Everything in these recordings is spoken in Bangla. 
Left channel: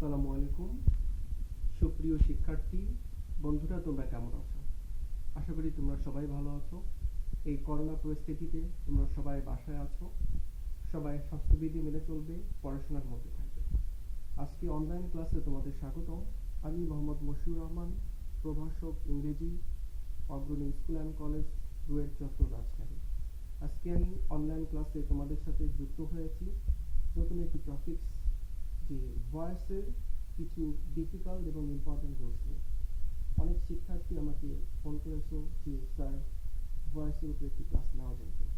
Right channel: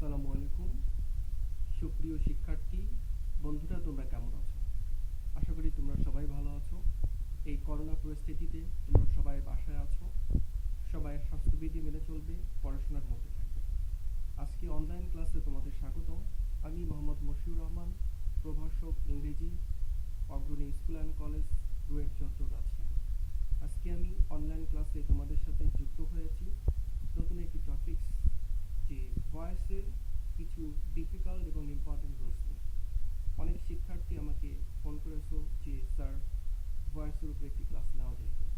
আসসালামু আলাইকুম সুপ্রিয় শিক্ষার্থী বন্ধুরা, তোমরা কেমন আছো? আশা করি তোমরা সবাই ভালো আছো। এই করোনা পরিস্থিতিতে তোমরা সবাই বাসায় আছো, সবাই স্বাস্থ্যবিধি মেনে চলবে, পড়াশোনার মধ্যে থাকবে। আজকে অনলাইন ক্লাসে তোমাদের স্বাগত। আমি মোহাম্মদ মশিউর রহমান, প্রভাষক ইংরেজি, অগ্রণী স্কুল অ্যান্ড কলেজ, রুয়েট চত্বর, রাজশাহী। আজকে আমি অনলাইন ক্লাসে তোমাদের সাথে যুক্ত হয়েছি নতুন একটি টপিকস, যে ভয়েসের কিছু ডিফিকাল্ট এবং ইম্পর্টেন্ট রুলস নিয়ে। অনেক শিক্ষার্থী আমাকে ফোন করেছো যে স্যার, ভয়েসের উপরে একটি ক্লাস নেওয়া যায় কিনা।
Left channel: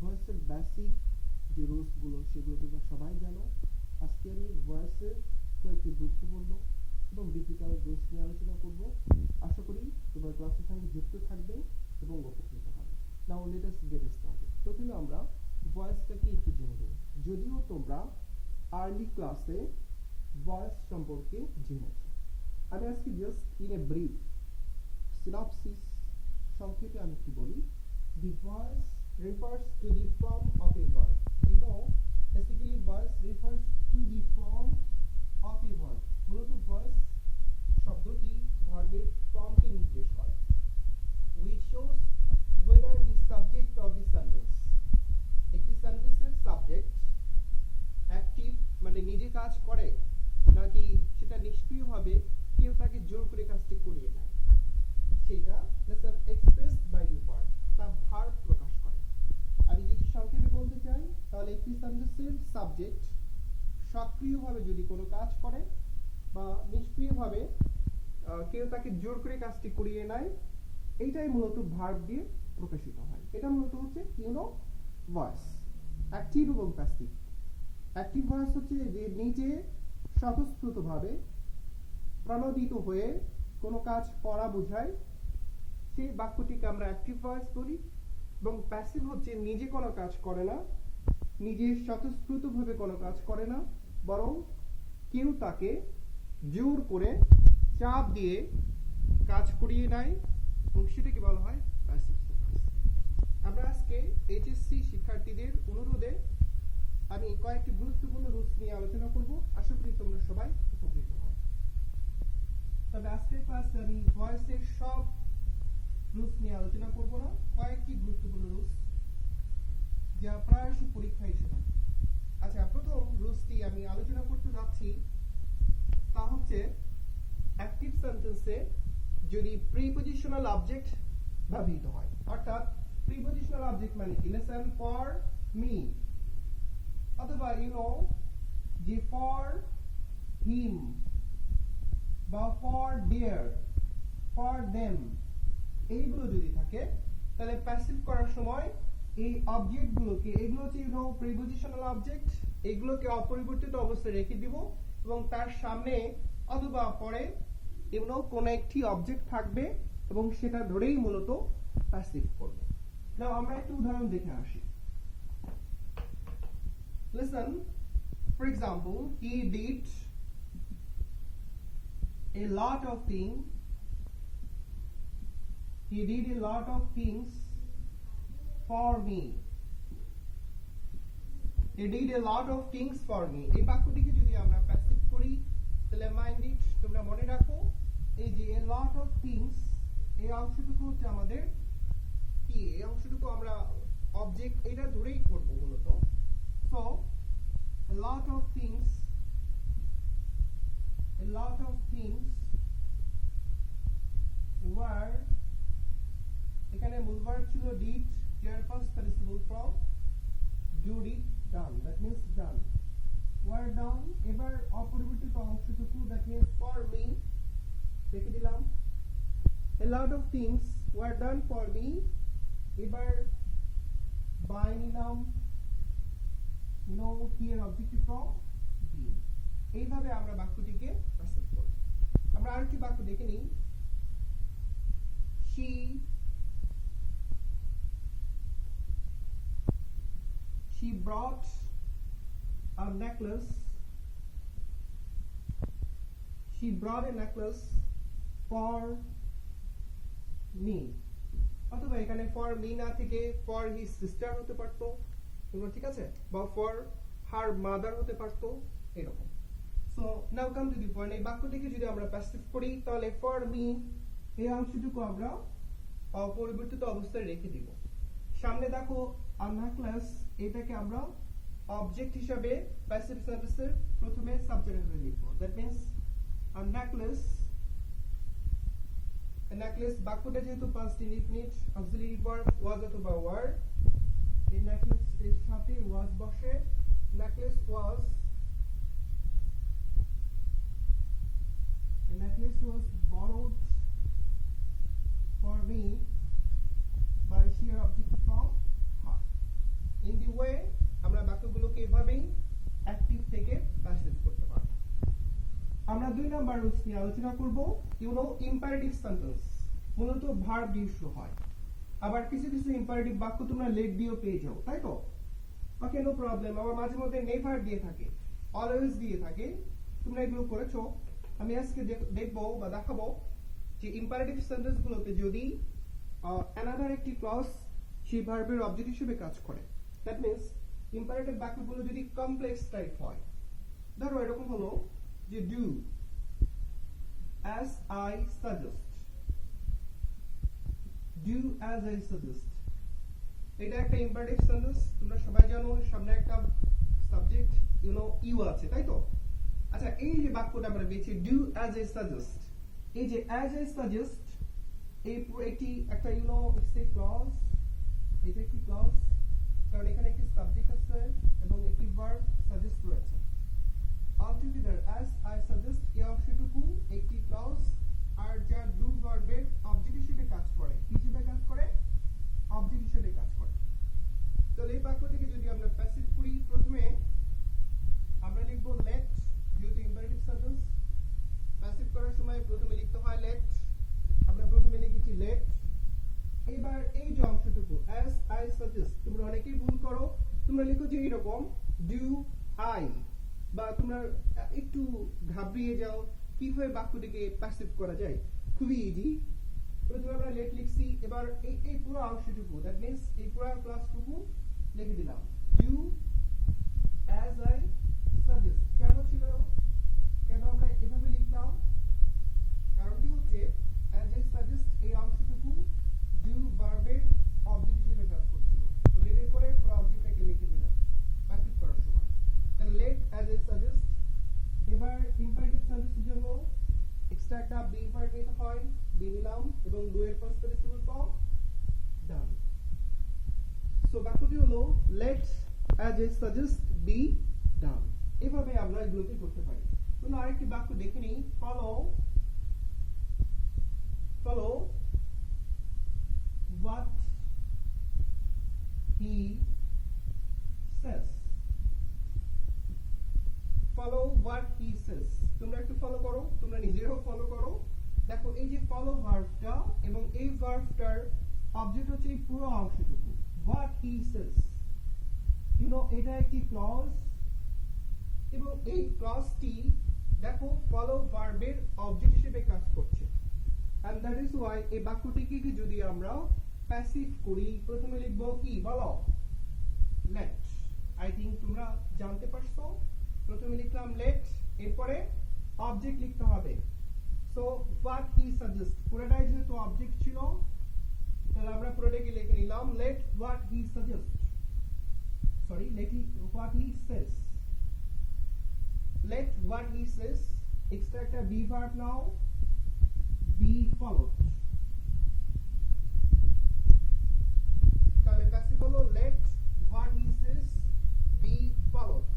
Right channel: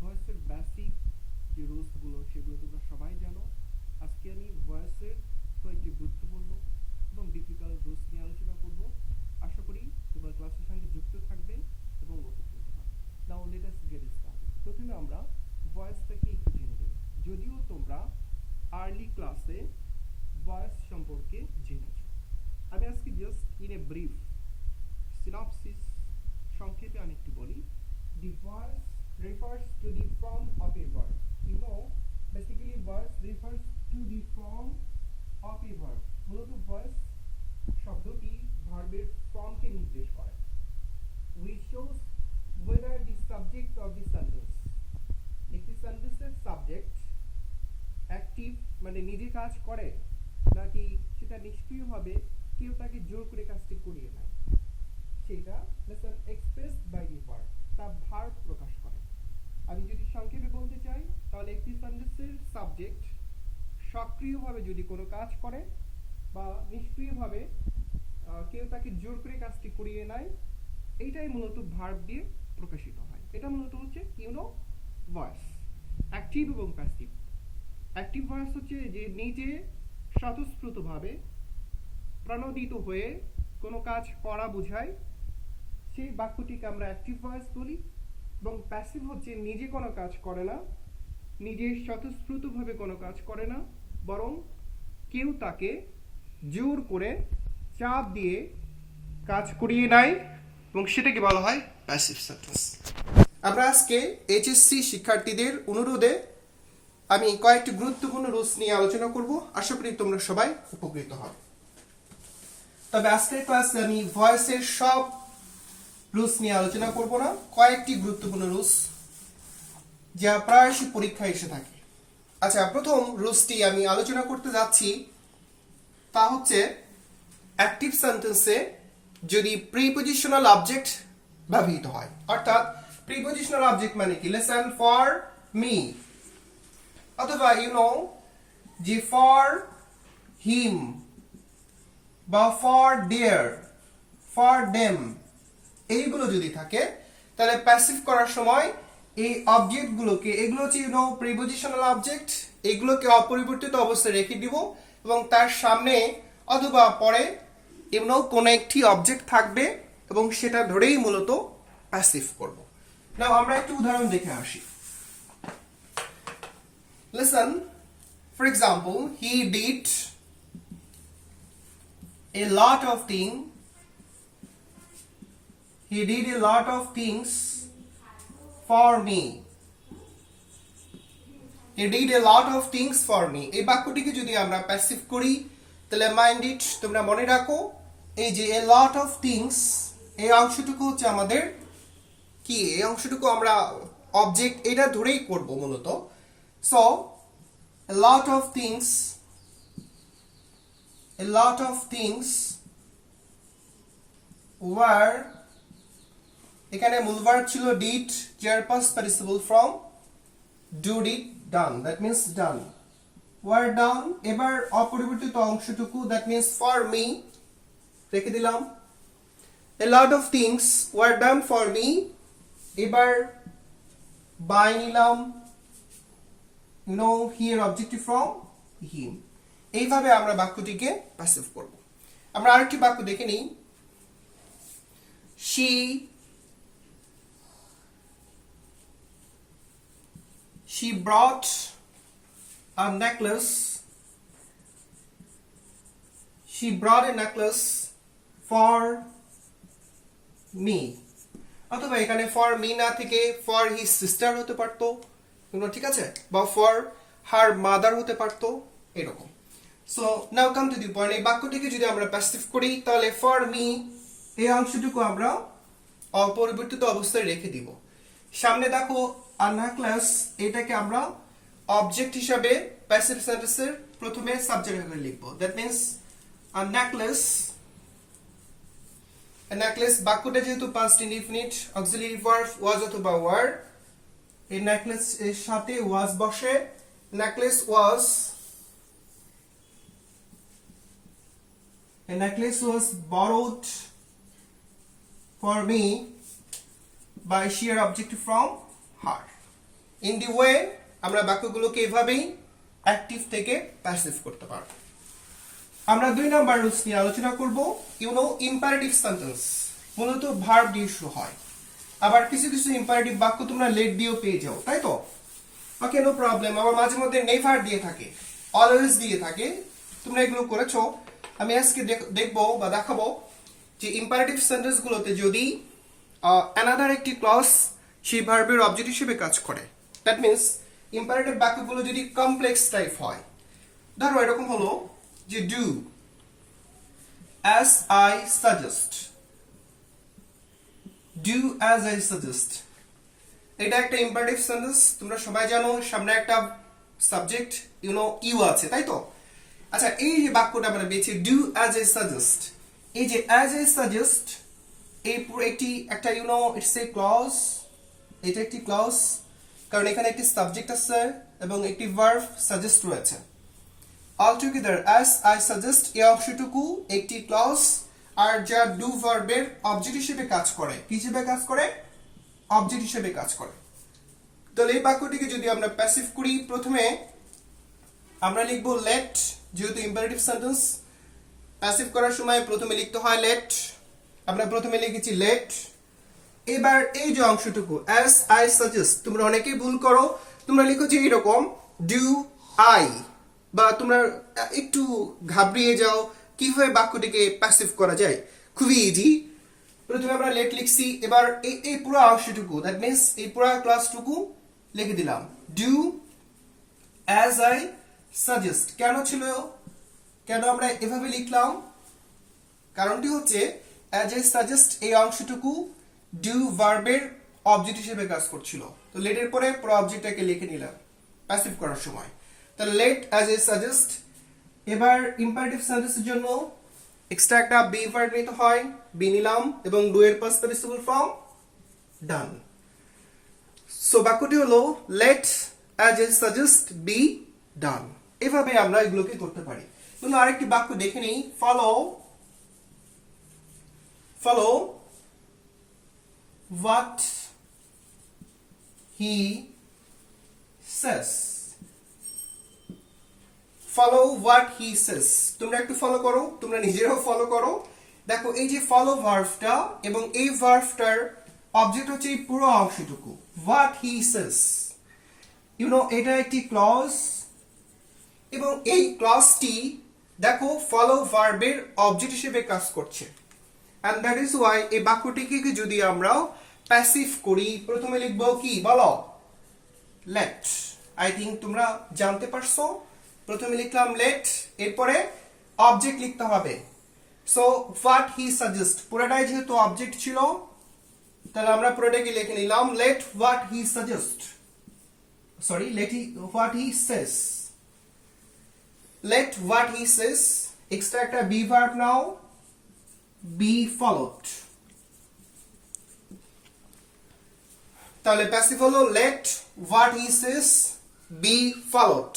ভয়েসের বেসিক যে রুলসগুলো সেগুলো তোমরা সবাই জানো। আজকে আমি ভয়েসের কয়েকটি গুরুত্বপূর্ণ এবং ডিফিকাল্ট রুলস নিয়ে আলোচনা করব। আশা করি তোমরা ক্লাসের সঙ্গে যুক্ত থাকবে এবং উপকৃত হবে। নাও লেট আস গেট স্টার্টেড। প্রথমে আমরা ভয়েসটাকে একটু জেনে নেব। যদিও তোমরা আর্লি ক্লাসে ভয়েস সম্পর্কে জেনেছো, আমি আজকে just in a brief synopsis, সংক্ষেপে আমি একটু বলি। The voice refers to the form of a verb. Basically voice refers to the form of a verb. মূলত ভয়েস শব্দটি ভার্বের ফর্মকে নির্দেশ করে। which shows whether the subject of the sentence, একটি সেন্টেন্সের সাবজেক্ট অ্যাক্টিভ মানে নিজে কাজ করে, নাকি সেটা নিষ্ক্রিয়ভাবে কেউ তাকে জোর করে কাজটি করিয়ে নেয়, সেটা lesson expressed by the verb, তা ভার্ব প্রকাশ করে। আমি যদি সংক্ষেপে বলতে চাই তাহলে একটি সেন্টেন্সের সাবজেক্ট সক্রিয়ভাবে যদি কোনো কাজ করে বা নিষ্ক্রিয়ভাবে কেউ তাকে জোর করে কাজটি করিয়ে নেয়, এইটাই মূলত ভার্ব দিয়ে প্রকাশিত হয়। এটা মূলত হচ্ছে ভয়েস, অ্যাক্টিভ এবং প্যাসিভ। অ্যাক্টিভ ভয়েস হচ্ছে যে নিজে স্বতঃস্ফূর্তভাবে প্রণোদিত হয়ে কোনো কাজ করা বোঝায়, সেই বাক্যটিকে আমরা অ্যাক্টিভ ভয়েস বলি। এবং প্যাসিভ হচ্ছে নিজে কোনো কাজ করে না, নিজে স্বতঃস্ফূর্তভাবে কোনো কাজ করে না, বরং কেউ তাকে জোর করে চাপ দিয়ে কাজ করিয়ে নেয় এবং সেটাকে বলা হয় প্যাসিভ সেন্টেন্স। আমরা আজকে এইচএসসি শিক্ষার্থীদের অনুরোধে আমি কয়েকটি গুরুত্বপূর্ণ রুলস নিয়ে আলোচনা করব। আশা করি তোমরা সবাই উপকৃত হবে। তবে আজকের ক্লাসে আমি ভয়েসের সব রুলস নিয়ে আলোচনা করব না, কয়েকটি গুরুত্বপূর্ণ রুলস যা প্রায়শই পরীক্ষায় এসে থাকে। আচ্ছা, প্রথম রুলসটি আমি আলোচনা করতে যাচ্ছি, তা হচ্ছে অ্যাক্টিভ সেন্টেন্সে যদি প্রিপজিশনাল অবজেক্ট ব্যবহৃত হয়, অর্থাৎ প্রিপজিশনাল অবজেক্ট মানে কি, লিসেন ফর মি, অথবা যে ফর হিম বা ফর দেয়ার, ফর দেম, এইগুলো যদি থাকে তাহলে প্যাসিভ করার সময় এই অবজেক্টগুলোকে, এগুলো হচ্ছে প্রিপজিশনাল অবজেক্ট, এগুলোকে অপরিবর্তিত অবস্থায় রেখে দিব এবং তার সামনে অথবা পরে কোনো একটি অবজেক্ট থাকবে এবং সেটা ধরেই মূলত প্যাসিভ করব। নাও আমরা একটু উদাহরণ দেখে আসি। Listen, for example, he did a lot of things. He did a lot of things for me. He did a lot of things for me. এই বাক্যটিকে যদি আমরা প্যাসিভ করি তাহলে মাইন্ড ইট, তোমরা মনে রাখো এই যে a lot of things, এই অংশটুকু হচ্ছে আমাদের কি, এই অংশটুকু আমরা অবজেক্ট এটা ধরেই করব মূলত। So a lot of things were, এখানে মূল ভার্ব ছিল did, যার past participle from do, did, done, that means done, were done। এবার অপরিবর্তিত অংশটুকু that means for me রেখে দিলাম। a lot of things were done for me, এবার by নিলাম here objective from him। এইভাবে আমরা বাক্যটিকে প্যাসিভ করব। আমরা আরেকটি বাক্য দেখে নিই। she brought a necklace, she brought a necklace for me, অথবা এখানে for me না থেকে for his sister হতে পারতো, ঠিক আছে, বা for her mother হতে পারতো, এরকম। So now come to the point, এই বাক্যটিকে যদি আমরা প্যাসিভ করি তাহলে ফর মি এই অংশটুকু আমরা অপরিবর্তিত অবস্থায় রেখে দিব। সামনে দেখো আ নেকলেস, এটাকে আমরা অবজেক্ট হিসাবে প্যাসিভ সেন্টেন্সের প্রথমে সাবজেক্ট হিসেবে লিখব। That means a necklace, a necklace বাক্যটা যেহেতু past indefinite auxiliary verb was অথবা were, এই নেকলেস এর সাথে was বসে। necklace was, a necklace was borrowed for me by sheer object from her. in the way আমরা বাক্যগুলোকে এভাবেই অ্যাক্টিভ থেকে প্যাসিভ করতে পারবো। আমরা 2 নাম্বার রুলস নিয়ে আলোচনা করব। ইউ নো ইম্পারেটিভ সেন্টেন্স মূলত ভার্ব দিয়ে শুরু হয়, আবার কিছু কিছু ইম্পারেটিভ বাক্য তোমরা লেট দিয়েও পেয়ে যাও, তাই তো? ওকে, নো প্রবলেম। আবার মাঝে মধ্যে নেভার দিয়ে থাকে, অলওয়েজ দিয়ে থাকে, তোমরা এগুলো করেছো। আমি আজকে দেখবো বা দেখাবো যে ইম্পারেটিভ সেন্টেন্স গুলোতে যদি অ্যানাদার একটি ক্লজ সেই ভার্বের অবজেক্ট হিসেবে কাজ করে, দ্যাট মিন্স ইম্পারেটিভ বাক্যগুলো যদি কমপ্লেক্স টাইপ হয়। ধরো এরকম হলো যে do as I suggest, do as I suggest, এটা একটা ইম্পারেটিভ সেন্টেন্স। তোমরা সবাই জানো সামনে একটা সাবজেক্ট ইউ নো ইউ আছে, তাই তো? আচ্ছা, এই যে বাক্যটা আমরা পেয়েছি do as I suggest, এই যে as I suggest এই পুরো একটা you know it's a clause, এটা একটি ক্লজ, কারণ এখানে একটি সাবজেক্ট আছে এবং একটি ভার্ব সাজেস্ট রয়েছে। altogether as I suggest এই অংশটুকু একটি ক্লজ আর যা ডু ভার্বের অবজেক্ট হিসেবে কাজ করে। কি হিসেবে কাজ করে? অবজেক্ট হিসেবে কাজ করে। তাহলে এই বাক্যটিকে যদি আমরা প্যাসিভ করি, প্রথমে আমরা লিখব লেট, যেহেতু ইম্পারেটিভ সেন্টেন্স প্যাসিভ করার সময় প্রথমে লিখতে হয় লেট, আমরা প্রথমে লিখেছি লেট। এবার এই যে অংশটুকু as I suggest, তোমরা অনেকেই ভুল করো, তোমরা লিখো যে এরকম do I, বা তোমরা একটু ঘাবড়িয়ে যাও কিভাবে বাক্যটিকে প্যাসিভ করা যায়। খুবই ইজি। প্রথমে আমরা লেট লিখছি, এবার এই পুরো অংশটুকু, দ্যাট মিন্স এই পুরো ক্লাসটুকু লিখে দিলাম do as I suggest। কেন আমরা এভাবে লিখলাম? কারণটি হচ্ছে as I suggest এই অংশটুকু do ভার্বের অবজেক্ট হিসেবে কাজ করছিল, তো লেটের পরে পুরো অবজেক্টটাকে লিখে নিলাম প্যাসিভ করার সময়। তাহলে লেট as I suggest। এবার ইম্পারেটিভ সেন্টেন্সের জন্য এক্সট্রা একটা বি ভার্ব নিতে হয়, বি নিলাম এবং ডু এর পাস্ট পার্টিসিপল ফর্ম ডান। সো বাক্যটি হলো late as I suggest be done। এভাবে আমরা এগুলোকে করতে পারি। কিন্তু আরেকটি বাক্য দেখে নেই, follow what he says, follow what he says। তোমরা একটু ফলো করো, তোমরা নিজেরাও ফলো করো। দেখো এই যে ফলো ভার্বটা এবং এই ভার্বটার অবজেক্ট হচ্ছে এই পুরো অংশটুকু what he says, you know এটা একটি ক্লজ এবং এই ক্লজটি দেখো ফলো ভার্বের অবজেক্ট হিসেবে কাজ করছে। and that is why এই বাক্যটিকে যদি আমরা প্যাসিভ করি, প্রথমে লিখব কি বলো? let। আই থিংক তোমরা জানতে পারছো। প্রথমে লিখলাম let, এরপরে অবজেক্ট লিখতে হবে। সো what he suggest পুরোটাই যেহেতু অবজেক্ট ছিল, তাহলে আমরা পুরোটাকে লিখে নিলাম let what he suggest, sorry let what he says, let what he says। Extra একটা বি ভার্ব নাও, be followed। তাহলে প্যাসিভ হলো let what he says be followed,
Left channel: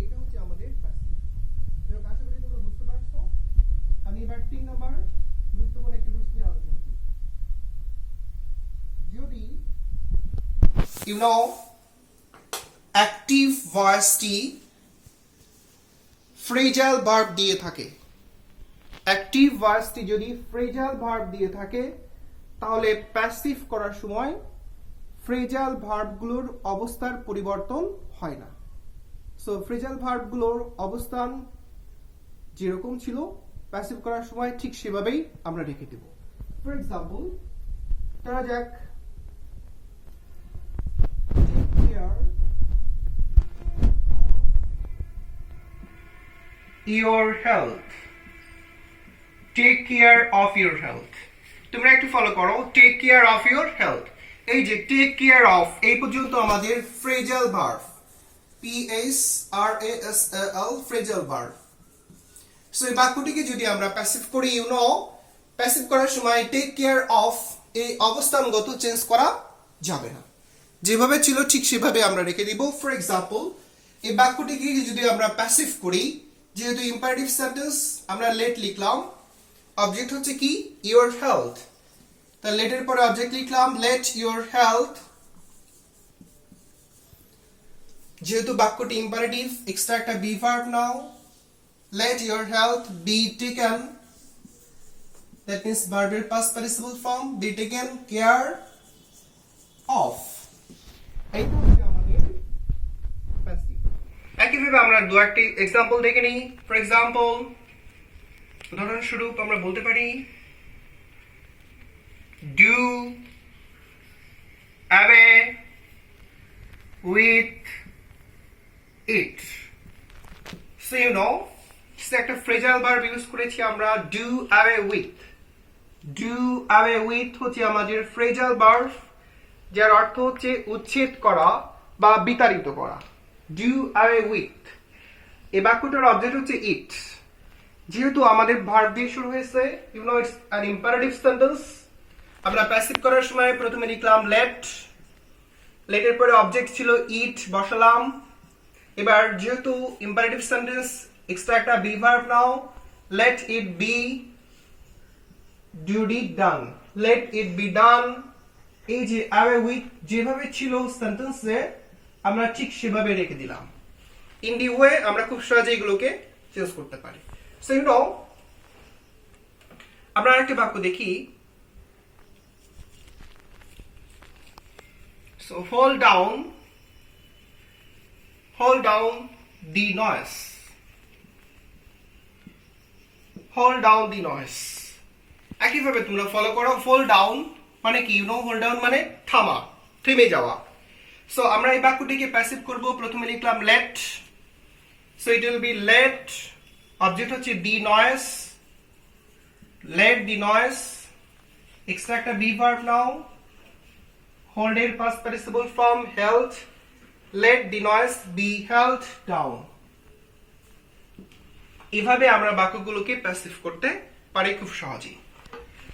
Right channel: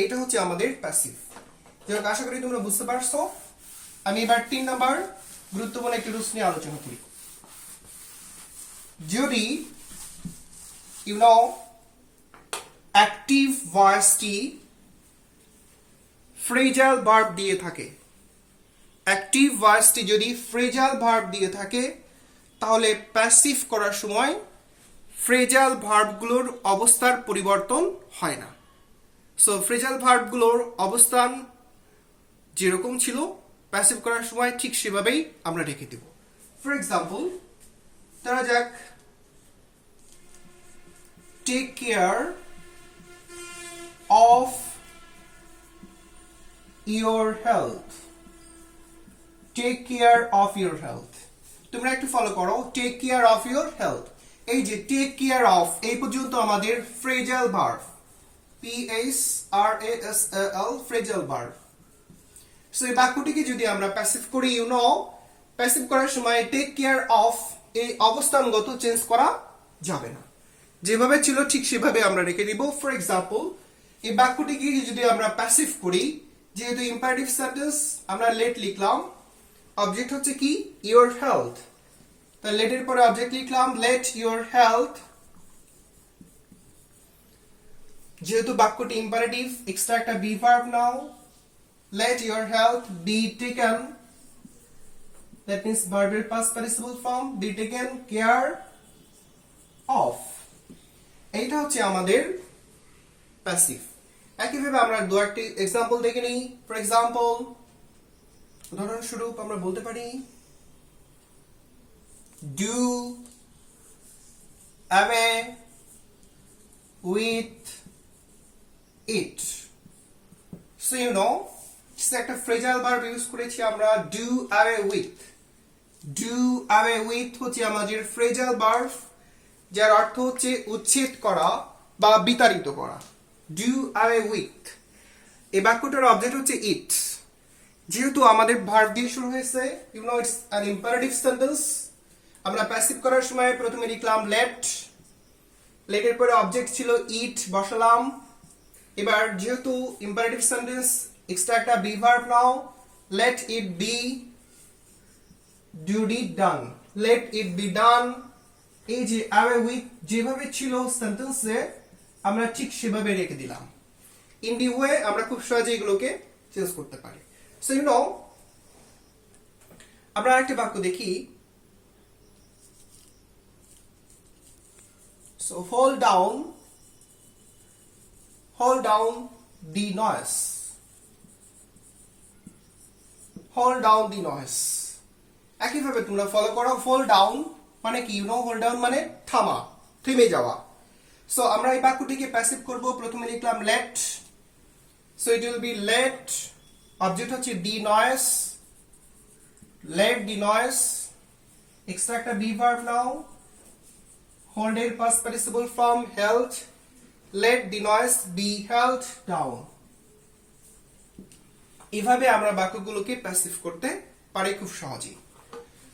এইটা হচ্ছে আমাদের প্যাসিভ। যাই হোক, আশা করি তোমরা বুঝতে পারছো। আমি এবার 3 নাম্বার গুরুত্বপূর্ণ একটি রুলস নিয়ে আলোচনা করি। যদি ইউ নো অ্যাক্টিভ ভয়েসটি ফ্রেজাল ভার্ব দিয়ে থাকে, অ্যাক্টিভ ভার্বটি যদি ফ্রেজাল ভার্ব দিয়ে থাকে, তাহলে প্যাসিভ করার সময় ফ্রেজাল ভার্বগুলোর অবস্থার পরিবর্তন হয় না। সো ফ্রেজাল ভার্বগুলোর অবস্থান যেরকম ছিল প্যাসিভ করার সময় ঠিক সেভাবেই আমরা রেখে দেব। ফর এক্সাম্পল, ধরা যাক take care of your health. Take care of your health. তোমরা একটু ফলো করো, take care of your health. এই যে টেক কেয়ার অফ, এই পর্যন্ত আমাদের phrasal verb, PHRASAL, phrasal verb. So এই বাক্যটিকে যদি আমরা প্যাসিভ করি, ইউ নো, প্যাসিভ করার সময় টেক কেয়ার অফ এই অবস্থানগত চেঞ্জ করা যাবে না, যেভাবে ছিল ঠিক সেভাবে আমরা রেখে দিব। ফর এক্সাম্পল, এই বাক্যটিকে যদি আমরা প্যাসিভ করি, যেহেতু ইম্পারেটিভ সেন্টেন্স, আমরা লেট লিখলাম, অবজেক্ট হচ্ছে কি ইওর হেলথ, তাহলে লেটের পরে অবজেক্ট লিখলাম লেট ইওর হেলথ। যেহেতু বাক্যটি ইম্পারেটিভ, এক্সট্রা একটা be verb now, let your health be taken, that means verb এর past participle form, be taken care of, এইটা হচ্ছে আমাদের প্যাসিভ। একইভাবে আমরা দু একটি এক্সাম্পল দেখে নিই। ফর এক্সাম্পল, উদাহরণস্বরূপ আমরা বলতে পারি do away with it. So you know, একটা ফ্রেজাল ভার্ব ইউজ করেছি আমরা, do away with। do away with হচ্ছে আমাদের ফ্রেজাল ভার্ব, যার অর্থ হচ্ছে উচ্ছেদ করা বা বিতাড়িত করা। do away with, এই বাক্যটার অবজেক্ট হচ্ছে it। যেহেতু আমাদের ভার্ব দিয়ে শুরু হয়েছে, you know it's an imperative sentence, আমরা প্যাসিভ করার সময় প্রথমে লিখলাম লেট, লেটের পরে অবজেক্ট ছিল ইট, বসালাম। এবার যেহেতু ইম্পারেটিভ সেন্টেন্স, এক্সট্রা একটা be verb now, let it be, duty done, let it be done. এই যে অ্যাওয়ে উইথ যেভাবে ছিল সেন্টেন্সে, আমরা ঠিক সেভাবে রেখে দিলাম। ইন দি ওয়ে আমরা খুব সহজে এগুলোকে চেঞ্জ করতে পারি। সো ইউ নো, আমরা আরেকটা বাক্য দেখি। So hold down the noise. Hold down the noise. একইভাবে তোমরা ফলো করো, hold down মানে কি, ইউ নো, hold down মানে থামা, থেমে যাওয়া। সো আমরা এই বাক্যটিকে প্যাসিভ করব, প্রথমে লিখলাম let, so it will be let, object হচ্ছে the noise, let the noise, extra একটা বি ভার্ব নাও, hold এর past participle form held, let the noise be held down। এভাবে আমরা বাক্যগুলোকে প্যাসিভ করতে পারি খুব সহজেই।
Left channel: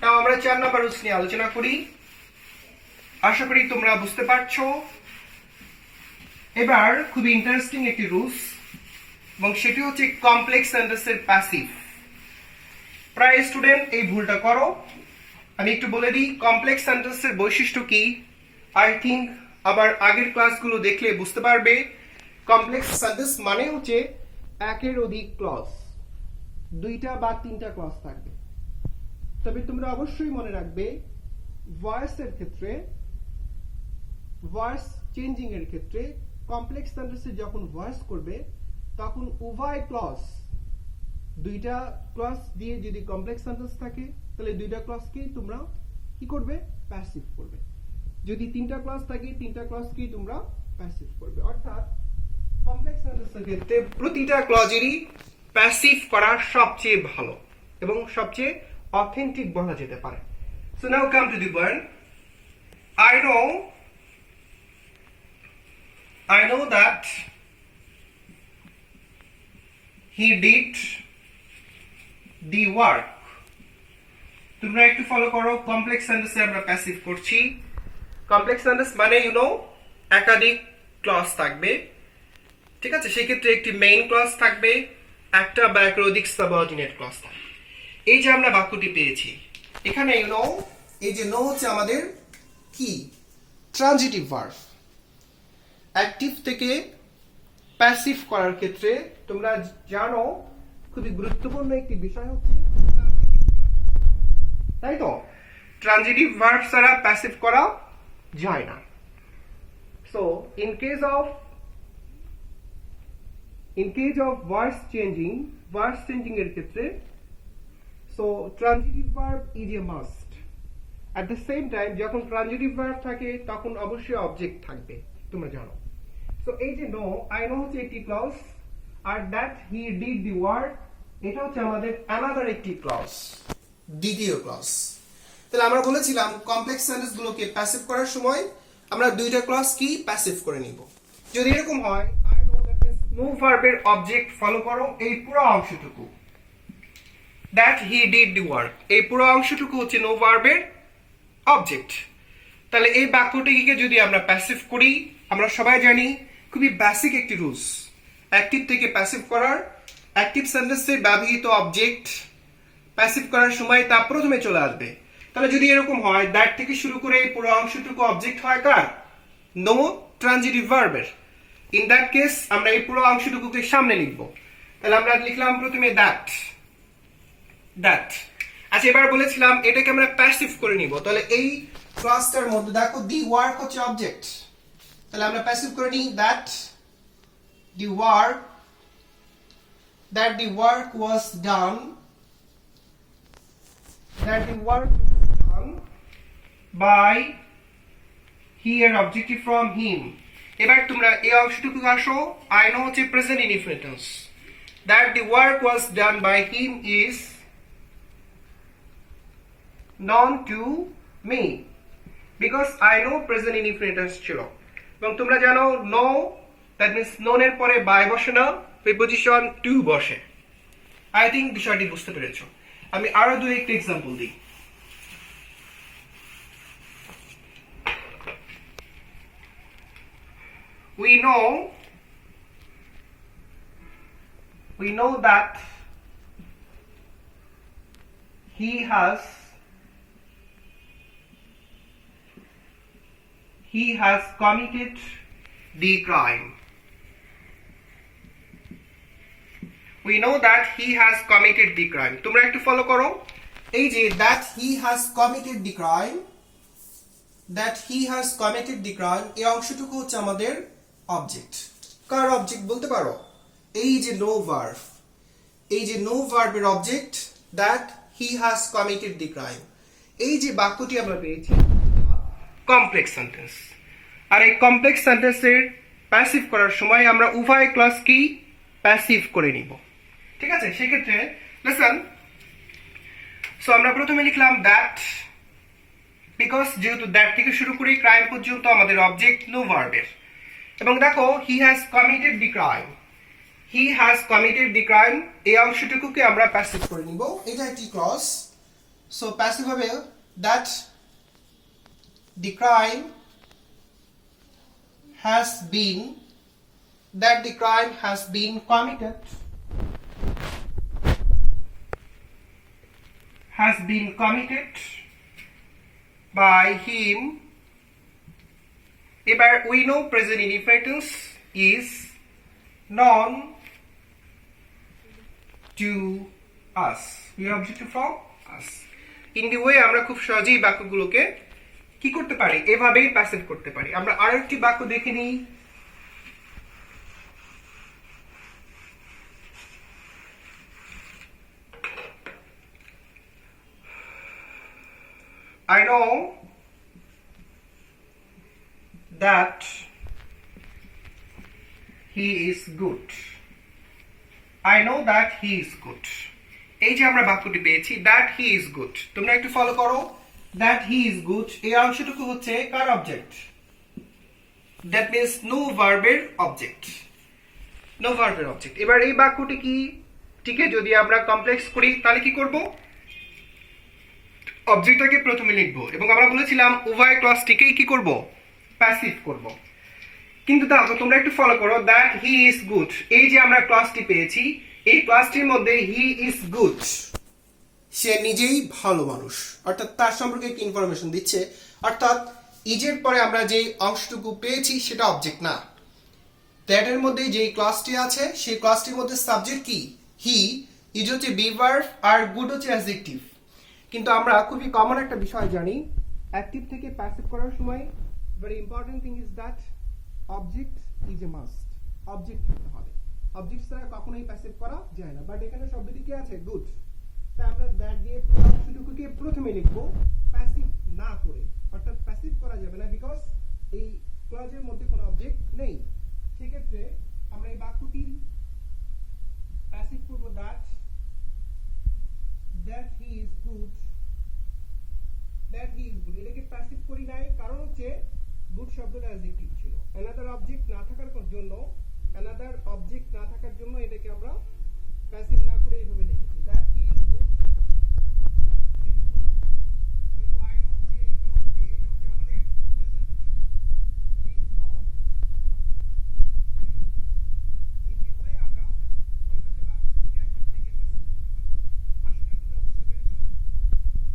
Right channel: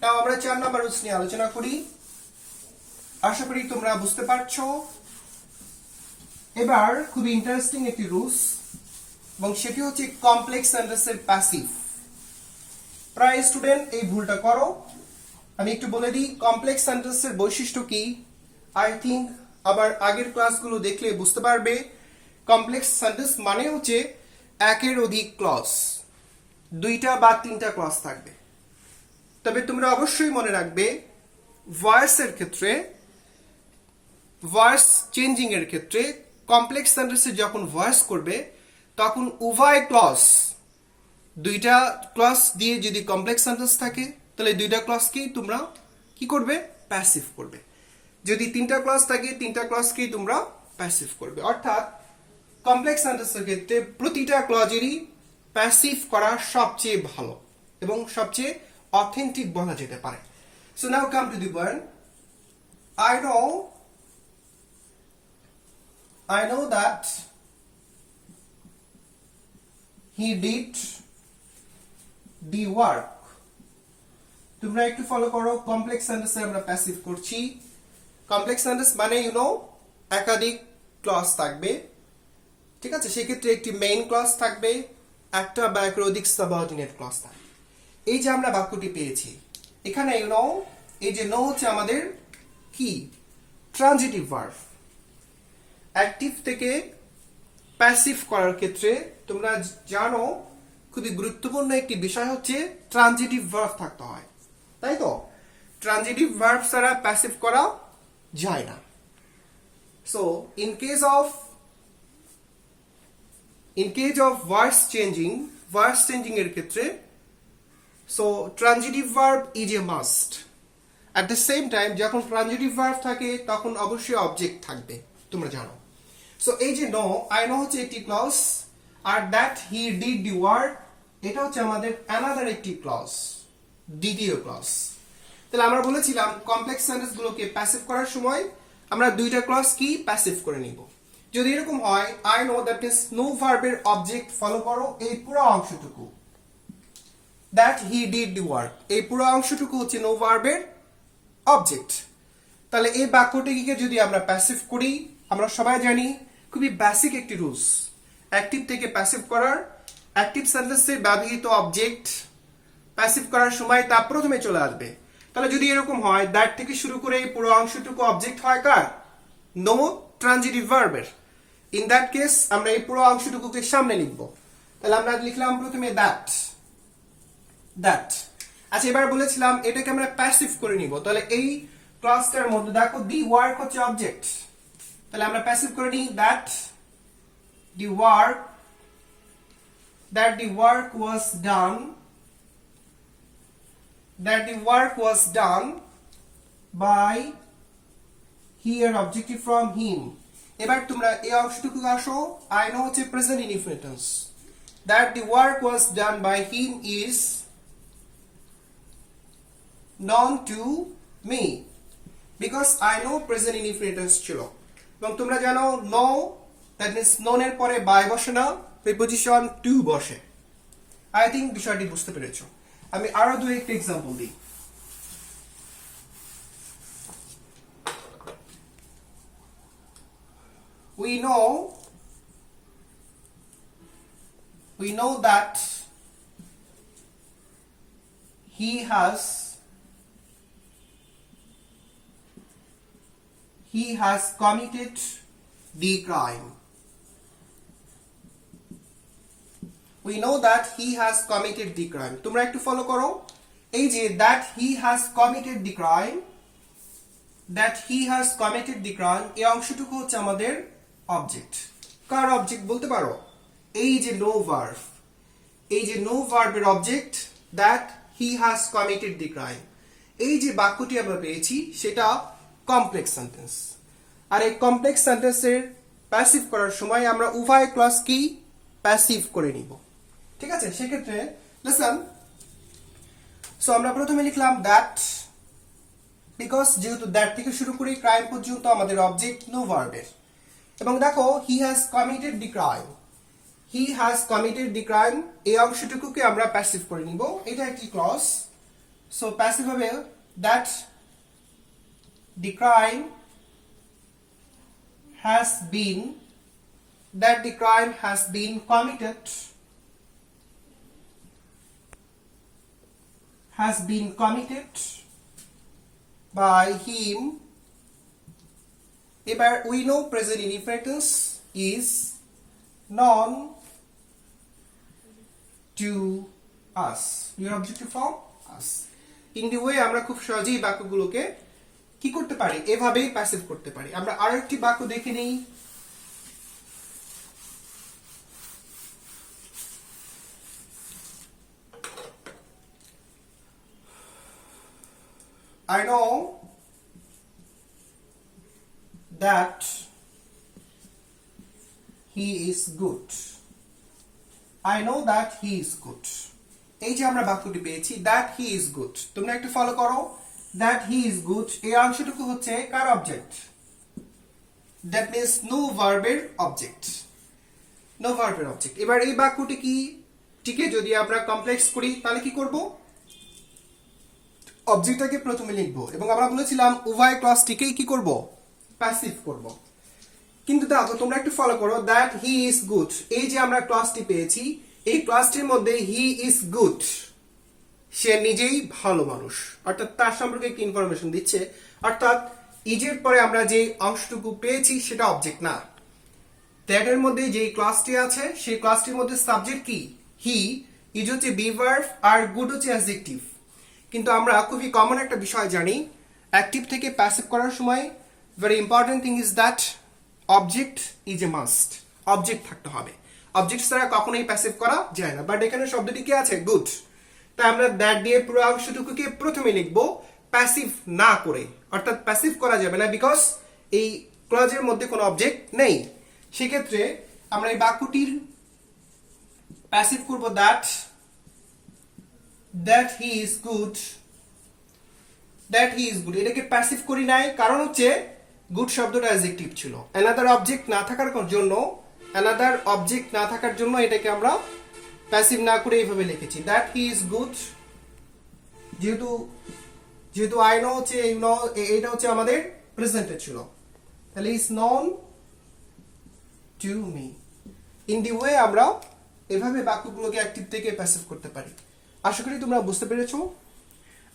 নাও আমরা 4 নাম্বার রুলস নিয়ে আলোচনা করি। আশা করি তোমরা বুঝতে পারছো। এবার খুবই ইন্টারেস্টিং একটি রুলস, এবং সেটি হচ্ছে কমপ্লেক্স সেন্টেন্সের প্যাসিভ। প্রায় স্টুডেন্ট এই ভুলটা করো। আমি একটু বলে দিই কমপ্লেক্স সেন্টেন্সের বৈশিষ্ট্য কি। আই থিঙ্ক আবার আগের ক্লাসগুলো দেখলে বুঝতে পারবে। কমপ্লেক্স সেন্টেন্স মানে হচ্ছে একের অধিক ক্লজ, 2টা বা 3টা ক্লজ থাকবে। তবে তোমরা অবশ্যই মনে রাখবে, ভয়েসের ক্ষেত্রে, ভয়েস চেঞ্জিং এর ক্ষেত্রে, কমপ্লেক্স সেন্টেন্সে যখন ভয়েস করবে তখন উভয় ক্লজ, 2টা ক্লজ দিয়ে যদি কমপ্লেক্স সেন্টেন্স থাকে, তাহলে 2টা ক্লজকেই তোমরা কি করবে, প্যাসিভ করবে। যদি 3টা ক্লজ থাকে, 3টা ক্লজকেই তোমরা প্যাসিভ করবে। অর্থাৎ কমপ্লেক্স সেন্টেন্সের ক্ষেত্রে প্রতিটা ক্লজেরই প্যাসিভ করা সবচেয়ে ভালো এবং সবচেয়ে অথেন্টিক বলা যেতে পারে। So now come to the point. I know that he did the work. তোমরা একটু ফলো করো, কমপ্লেক্স সেন্টেন্সে আমরা প্যাসিভ করছি। কমপ্লেক্স সেন্টেন্স মানে ইউ নো একাধিক ক্লজ থাকবে, ঠিক আছে। সেক্ষেত্রে একটি মেইন ক্লজ থাকবে, একটা বা এর অধিক সাবঅর্ডিনেট ক্লজ থাকবে। এই যে আমরা বাক্যটি পেয়েছি, এখানে ইউ নো, এই যে নো হচ্ছে আমাদের কি, ট্রানজিটিভ ভার্ব। অ্যাক্টিভ থেকে প্যাসিভ করার ক্ষেত্রে তোমরা জানো খুবই গুরুত্বপূর্ণ একটি বিষয় হচ্ছে ট্রানজিটিভ ভার্ব থাকতে হয়, তাই তো। ট্রানজিটিভ ভার্ব ছাড়া প্যাসিভ করা যায় না। So in case of voice changing এর ক্ষেত্রে, so transitive verb is a must. At the same time যখন ট্রানজিটিভ ভার্ব থাকে তখন অবশ্যই অবজেক্ট থাকবে, তোমরা জানো। সো এই যে নো, আই নো হচ্ছে একটি ক্লজ, আর that he did the work এটা হচ্ছে আমাদের অ্যানাদার একটি ক্লজ, দ্বিতীয় ক্লজ। তাহলে আমরা বলেছিলাম কমপ্লেক্স সেন্টেন্স গুলোকে প্যাসিভ করার সময় আমরা দুইটা ক্লজ কি প্যাসিভ করে নিব। যদি এরকম হয় I know that means know ভার্বের অবজেক্ট ফলো করো এই পুরো অংশটুকু, that he did the work এই পুরো অংশটুকু হচ্ছে নো ভার্বের অবজেক্ট। তাহলে এই বাক্যটিকে যদি আমরা প্যাসিভ করি, আমরা সবাই জানি খুবই বেসিক একটি রুলস, অ্যাক্টিভ থেকে প্যাসিভ করার, অ্যাক্টিভ সেন্টেন্সে ব্যবহৃত অবজেক্ট প্যাসিভ করার সময় তা প্রথমে চলে আসবে। তাহলে যদি এরকম হয় দ্যাট থেকে শুরু করে এই পুরো অংশটুকু অবজেক্ট হয় কার? নো ট্রানজিটিভ ভার্বের। ইন দ্যাট কেস আমরা এই পুরো অংশটুকুকে সামনে লিখব। তাহলে আমরা লিখলাম প্রথমে দ্যাট, দ্যাট। আচ্ছা এবার বলেছিলাম এটাকে আমরা প্যাসিভ করে নিব। তাহলে এই ক্লাসটার মধ্যে দেখো দি ওয়ার্ক হচ্ছে অবজেক্ট, তাহলে আমরা প্যাসিভ করে নিই that the work, that the work was done, that the work was done by he এর objective from him। এবার তোমরা এই অংশটুকু আসো, I know হচ্ছে present indefinite tense, that the work was done by him is known to me because I know present indefinite tense ছিল। এবং তোমরা জানো know that means known এর পরে by বসে না, প্রিপজিশন টু বসে। আই থিঙ্ক বিষয়টি বুঝতে পেরেছো। আমি আরো দুই একটা এক্সাম্পল দিই। we know that he has committed the crime. We know that he has committed the crime. তোমরা একটু ফলো করো, এই যে that he has committed the crime, that he has committed the crime এই অংশটুকু হচ্ছে আমাদের অবজেক্ট। কার অবজেক্ট বলতে পারো? এই যে নো ভার্ব, এই যে নো ভার্বের object that he has committed the crime। এই যে বাক্যটি আমরা পেয়েছি সেটা কমপ্লেক্স সেন্টেন্স। আর এই কমপ্লেক্স সেন্টেন্সের প্যাসিভ করার সময় আমরা উভয় ক্লজ কি প্যাসিভ করে নিব। ঠিক আছে, সেক্ষেত্রে লিসেন। সো আমরা প্রথমে লিখলাম দ্যাট, বিকজ যেহেতু দ্যাট থেকে শুরু করে ক্রাইম পর্যন্ত আমাদের অবজেক্ট নো ভার্বের। এবং দেখো he has committed the crime, he has committed the crime এই অংশটুকুকে আমরা প্যাসিভ করে নিব, এটা একটি ক্লজ। সো প্যাসিভ হবে that the crime has been, that the crime has been committed, has been committed by him। এবার we know present indefinite tense is known to us, we are objective from us। in the way আমরা খুব সহজেই বাক্যগুলোকে কি করতে পারি, এভাবেই প্যাসিভ করতে পারি। আমরা আরো একটি বাক্য দেখে নিই। I know that he is good, I know that he is good। এই যে আমরা বাক্যটি পেয়েছি that he is good, তোমরা একটু ফলো করো। that he is good এই অংশটুকু হচ্ছে কার অবজেক্ট? that means no ভার্বের অবজেক্ট, no ভার্বের অবজেক্ট। এবার এই বাক্যটি কি টিকে যদি আমরা কমপ্লেক্স করি তাহলে কি করব? অবজেক্টটাকে প্রথমে লিখব এবং আমরা বলেছিলাম উভয় ক্লজটিকেই কি করব? প্যাসিভ করব। কিন্তু দেখো তোমরা একটু ফলো করো, that he is good এই যে আমরা ক্লজটি পেয়েছি, এই ক্লজটির মধ্যে he is good সে নিজেই ভালো মানুষ, অর্থাৎ তার সম্পর্কে একটি ইনফরমেশন দিচ্ছে। অর্থাৎ ইজের পরে আমরা যে অংশটুকু পেয়েছি সেটা অবজেক্ট না, দ্যাট এর মধ্যে যেই ক্লাসটি আছে সেই ক্লাসটির মধ্যে সাবজেক্ট কি? হি, ইজ হচ্ছে বি ভার্ব আর গুড হচ্ছে অ্যাডজেক্টিভ। কিন্তু আমরা খুবই কমন একটা বিষয় জানি, অ্যাক্টিভ থেকে প্যাসিভ করার সময় very important thing is that object is a must, object থাকতে হবে। অবজেক্ট ছাড়া কখনোই প্যাসিভ করা যায় না। বাট এখানে শব্দটি কি আছে? গুড। তাই আমরা দ্যাট দিয়ে পুরো অংশটুকুকে প্রথমে লিখবো প্যাসিভ না করে, অর্থাৎ প্যাসিভ করা যাবে না বিকজ এই ক্লজের মধ্যে কোনো অবজেক্ট নেই। সেক্ষেত্রে আমরা এই বাক্যটির প্যাসিভ করব that he is good, that he is good. এটাকে প্যাসিভ করি নাই কারণ হচ্ছে গুড শব্দটা অ্যাডজেক্টিভ ছিল। অ্যানাদার অবজেক্ট না থাকার জন্য এটাকে আমরা প্যাসিভ না করে এইভাবে লিখেছি দ্যাট হি ইজ গুড। যেহেতু আই নো হচ্ছে এটা হচ্ছে আমাদের প্রেজেন্টে ছিল, তাহলে is known to me. In the way আমরা এভাবে বাক্যগুলোকে অ্যাক্টিভ থেকে প্যাসিভ করতে পারি। আশা করি তোমরা বুঝতে পেরেছো।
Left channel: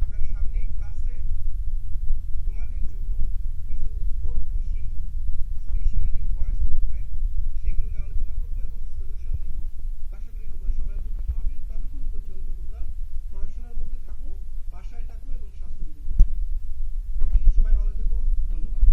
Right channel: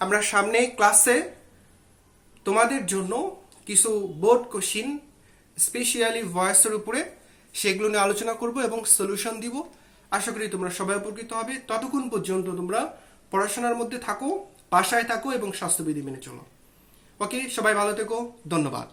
আমরা সামনে ক্লাসে তোমাদের জন্য কিছু বোর্ড কোশ্চিন স্পেশালি ভয়েসের উপরে সেগুলো নিয়ে আলোচনা করব এবং সলিউশন দিব। আশা করি তোমরা সবাই উপকৃত হবে। ততক্ষণ পর্যন্ত তোমরা পড়াশোনার মধ্যে থাকো, বাসায় থাকো এবং স্বাস্থ্যবিধি মেনে চলো। ওকে, সবাই ভালো থেকো, ধন্যবাদ।